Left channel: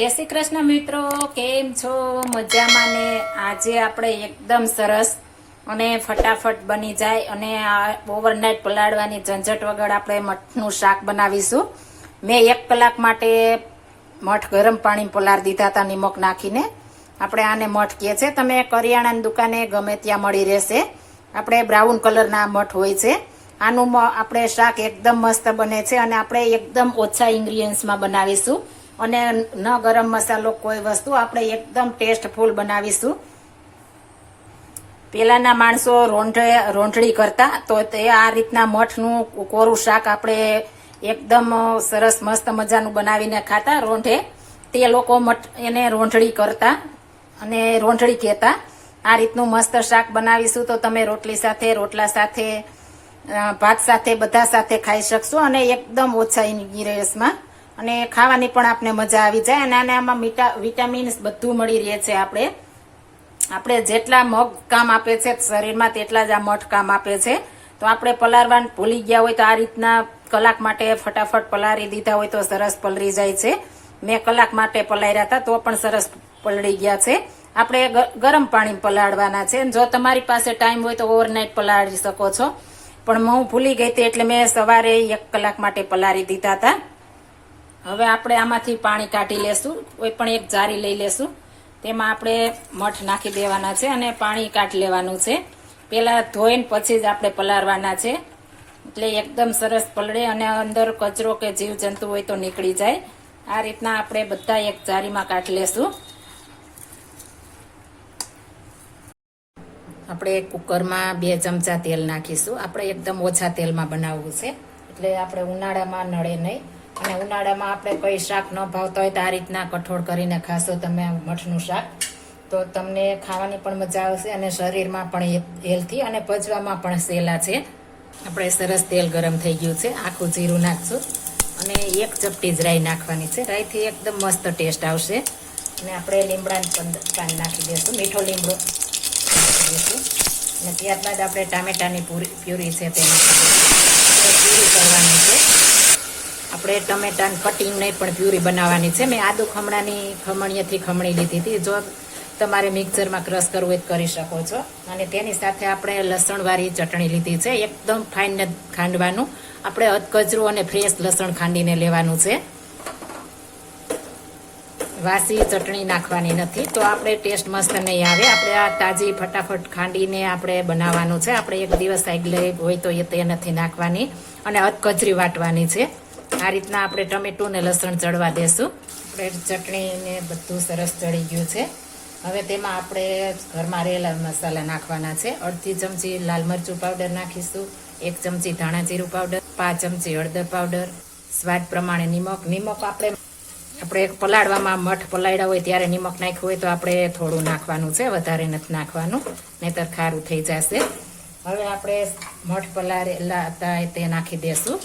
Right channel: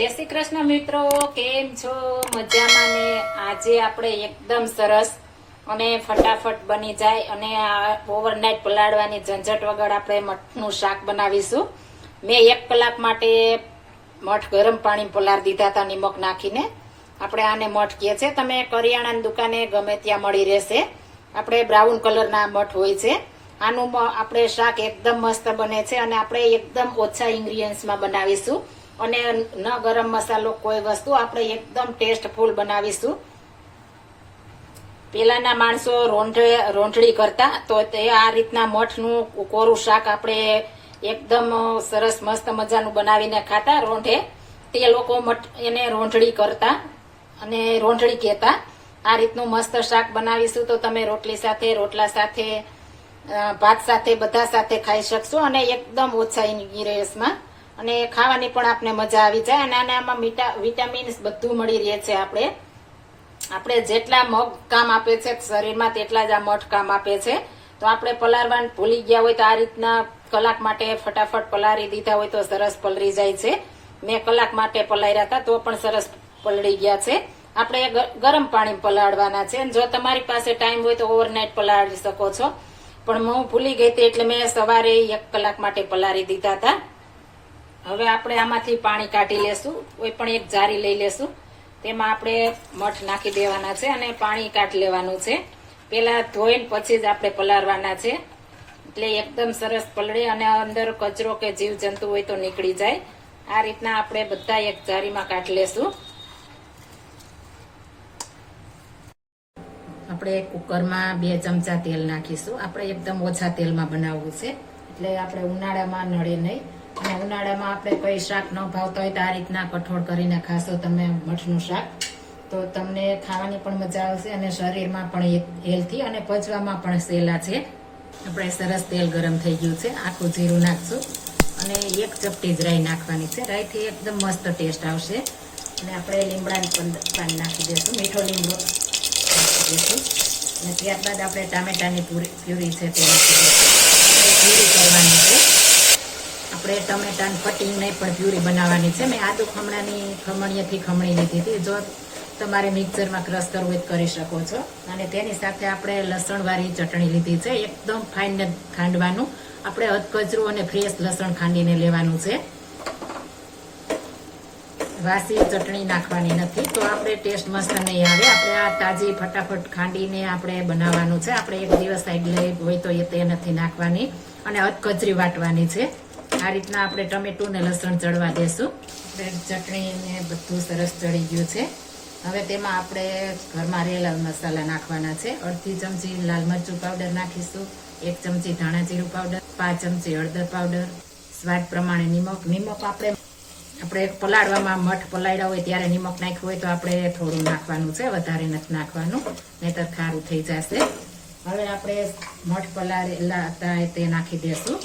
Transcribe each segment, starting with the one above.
જય શ્રી કૃષ્ણ મિત્રો, કેમ છો? મજામાં ને? આજે આપણે એકદમ સરસ અને ફટાફટ બની જાય અને આ ઓવરનાઇટ પલાળવાની ઝંઝટ વગર આપણે મઠનું શાક બનાવીશું. મેં એક કલાક માટે મઠ ગરમ પાણી પલાળ દીધા હતા, નિમક નાખીને. આપણે આને મઠ કહે છે. તમે કરિયાણાની દુકાને ગમે ત્યાં મળી રહેશે. આપણે બ્રાઉન કલરના મઠ હોય છે. આનું આપણે શાક એકદમ મસ્ત બને છે અને આપણે એકદમ ઓછા ઇન્ગ્રીડિયન્ટ્સમાં બનાવીશું. અને ન ગરમ મસાલો કોઈ વસ્તુ, આપણે એકદમ ટેસ્ટફુલ બનાવીશું. પેલાના માણસો રોંઢે, રોંઢળી કરતા, તો તે આ રીતના મઠનું કોરું શાક આપણે એકદમ સરસ, મસ્ત મજાનું બનાવીને ખાતા રોંઢે. તે લોકો મઠ, એને રોંઢળી કરતા અને રોંઢળી કહેતા, આ રીતનું મસ્ત શાક બનાવીશું તો તમે રોટલી સાથે, રોટલા સાથે ભાત સાથે, બધા સાથે ખાઈ શકશો અને એકદમ ઓછા ઇન્ગ્રીડિયન્ટ્સમાં અને ખાવાની પણ આપણે મજા આવી જાય. અને આને આમાં વિટામિન્સ બધું મળી રહે છે આપણે. આપણે જેટલા મગ કામ આપે છે, શરીરમાં તેટલા જ આ મઠ કામ આપે છે. તો આપણે પલારવાન ભૂલી ગયા હોય તો આ રીતના કલાક માટે ફટાફટ પલારી દીધા હોય તો સરસ પલળી જાય છે. મેં કલાક માટે પલાર્યા હતા તો પણ સરસ પલળી ગયા છે. આપણે ગરમ પાણી પલાળવાના છે. જો તમારી પાસે ટાઈમ હોય તો ઓવરનાઇટ પલાળી શકો છો. પણ હું ભૂલી ગઈ હતી એટલે મેં સવારે એક કલાક માટે પલારી દીધા હતા. હવે આપણે આમાંથી પાણી કાઢી લેશું, કોઈ પણ એક જારી લઈ લેશું. તેમાં આપણે મઠ નાખી દેવાના છે અને પાણી કાઢી લેવાનું છે. પેલા ધોઈને પછી જ આપણે પલાળવાના છે. એટલે એકદમ સરસ પલળે અને અંદર કચરો કે જીવ જંતુ હોય તો નીકળી જાય. આ રીતના આપણે બધા એક જારીમાં કાઢી લેશું. આપણે કુકરમાં બે ચમચા તેલ નાખીશું. આપણે એકદમ ઓછા તેલમાં બનાવવું છે. એટલે આપણે ઉનાળામાં નડે નહીં. અને ઉનાળામાં આપણે કઈ શાક ન ભાવતા હોય તો આ રીતના કઠોળ કરીને ખાશો તમે મઠનું શાક. તો તમને ખાવાની પણ મજા આવશે અને શરીરમાં પણ હેલ્થી અને પચવામાં પણ સહેલા છે. આપણે સરસ તેલ ગરમ થઈ ગયું છે. આખું જીરું નાખશું. અને એક ચપટી જ રાઈ નાખવાની છે. રાઈથી એકદમ મસ્ત ટેસ્ટ આવશે. અને આપણે લીમડાની પણ નાખી દઈશું. મીઠો લીમડો દઈશું. અને ત્યારબાદ આપણે ટામેટાની પૂરી, પ્યુરી છે તે પ્યુરી કરવાની છે. આપણે ટમેટાની કટિંગ પણ પ્યુરી બનાવવાની છે. મેં આદુ ખમણાની ખમણીએથી ખમણી લીધી હતી. જો તમારે મિક્સરમાં ક્રશ કરવું હોય કરી શકો છો. અને તેની સાથે આપણે લસણવાળી ચટણી લીધી છે. એકદમ ફાઇન ખાંડવાનું. આપણે અધકચરું અને ફ્રેશ લસણ ખાંડીને લેવાનું છે. વાસી ચટણી નાખવાની નથી. તો આપણે ટેસ્ટ મસ્ત નહીં આવે. આપણે આ તાજી ફટાફટ ખાંડીને આપણે બનાવવાનું છે. આપણે એક દિવસ આગલે હોય તો એ તે નથી નાખવાની. અને અધકચરી વાટવાની છે. આ રીતના આપણે ટમેટું ને લસણ ચડવા દેશું. ચટણી ને બધું સરસ ચડી ગયું છે. હવે તેમાં આપણે ઘરમાં રહેલા મસાલા નાખવાના છે. અડધી ચમચી લાલ મરચું પાવડર નાખીશું, એક ચમચી ધાણા જીરું પાવડર પાંચ ચમચી હળદર પાવડર સ્વાદ પ્રમાણે નિમક નિમક આપણે આપણે પલાળવામાં મઠ પલાળ્યા હોય ત્યારે નિમક નાખ્યું હોય તો આપણે થોડું નાખવાનું છે, વધારે નથી નાખવાનું, નહીતર ખારું થઈ જશે. હવે આપણે મઠ પલાળેલા હતા તે નાખી દેશું.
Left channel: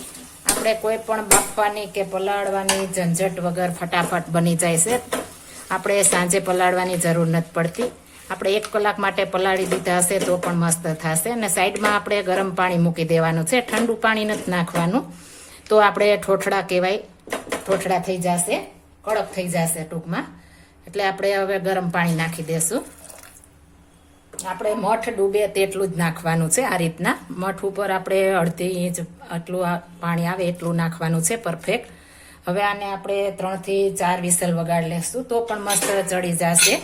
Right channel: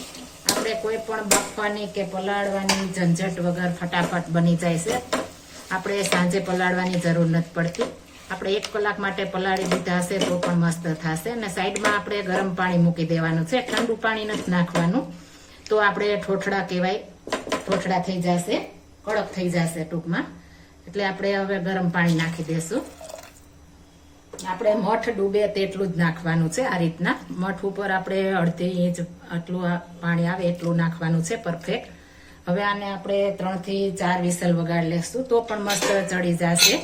આપણે કોઈ પણ બાફવાની કે પલાળવાની ઝંઝટ વગર ફટાફટ બની જાય છે. આપણે સાંજે પલાળવાની જરૂર નથી પડતી. આપણે એક કલાક માટે પલાળી દીધા હશે તો પણ મસ્ત થશે. અને સાઈડમાં આપણે ગરમ પાણી મૂકી દેવાનું છે. ઠંડુ પાણી નથી નાખવાનું. તો આપણે ઠોઠડા કહેવાય. ઠોઠડા થઈ જશે. કડક થઈ જશે ટૂંકમાં. એટલે આપણે હવે ગરમ પાણી નાખી દેશું. આપણે મઠ ડૂબે તેટલું જ નાખવાનું છે આ રીતના. મઠ ઉપર આપણે અડધી ઇંચ આટલું પાણી આવે એટલું નાખવાનું છે પરફેક્ટ હવે આને આપણે ત્રણથી ચાર વિસલ વગાડી લેશું તો પણ મસ્ત ચડી જશે.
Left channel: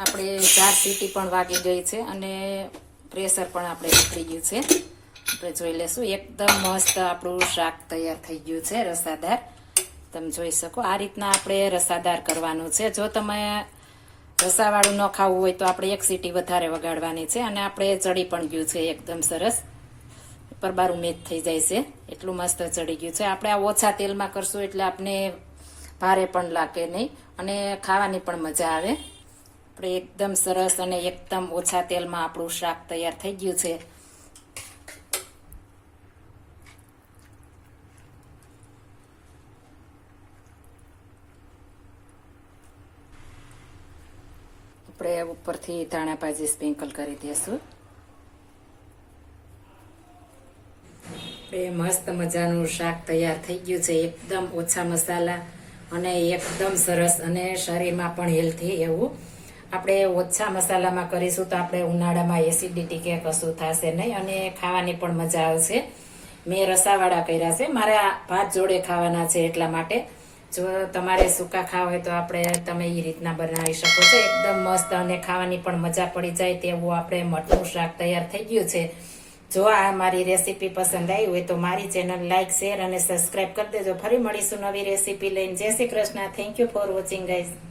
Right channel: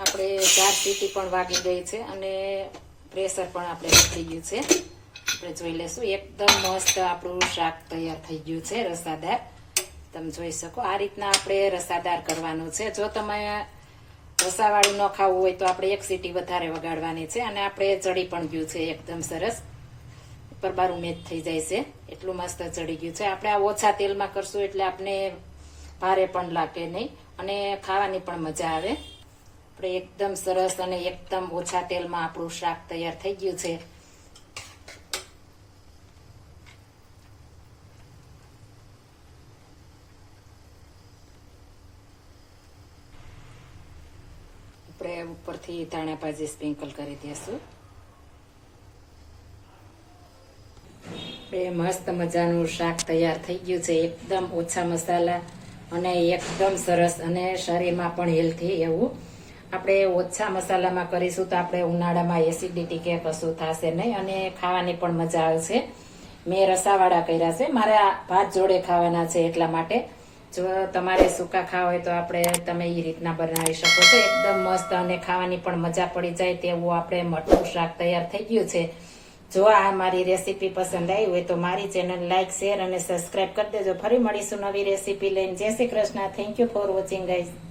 આપણે ચાર સીટી પણ વાગી ગઈ છે અને પ્રેશર પણ આપણે નીકળી ગયું છે. આપણે જોઈ લેશું, એકદમ મસ્ત આપણું શાક તૈયાર થઈ ગયું છે, રસાદાર. તમે જોઈ શકો, આ રીતના આપણે રસાદાર કરવાનું છે. જો તમે રસાવાળું ન ખાવું હોય તો આપણે એક સીટી વધારે વગાડવાની છે અને આપણે ચડી પણ ગયું છે એકદમ સરસ. ઉપર બારું મેચ થઈ જાય છે. એટલું મસ્ત ચડી ગયું છે. આપણે આ ઓછા તેલમાં કરશું એટલે આપણે ભારે પણ લાગે નહીં અને ખાવાની પણ મજા આવે. આપણે એકદમ સરસ અને એકદમ ઓછા તેલમાં આપણું શાક તૈયાર થઈ ગયું છે. આપણે ઉપરથી ધાણા ભાજી સ્પ્રિંકલ કરી દઈશું આપણે મસ્ત મજાનું શાક તૈયાર થઈ ગયું છે. એકદમ ઓછા મસાલા અને એકદમ સરસ અને શરીરમાં પણ હેલ્થી એવું. આપણે ઓછા મસાલામાં કરીશું તો આપણે ઉનાળામાં એસિડિટી કે કશું થશે નહીં અને ખાવાની પણ મજા આવશે. મેં રસાવાળા કર્યા છે. મારે ભાત જોડે ખાવાના છે એટલા માટે. જો તમારે સૂકા ખાવા હોય તો આપણે તમે એ રીતના બનાવી શકો છો. એકદમ મસ્ત અને ખાવાની પણ મજા પડી જાય તેવું આપણે મઠનું શાક તૈયાર થઈ ગયું છે. જો આ મારી રેસીપી પસંદ આવી હોય તો મારી ચેનલ લાઇક શેર અને સબસ્ક્રાઇબ કરી દેજો. ફરી મળીશું નવી રેસીપી લઈને. જય Shri Krishna. Thank you for watching guys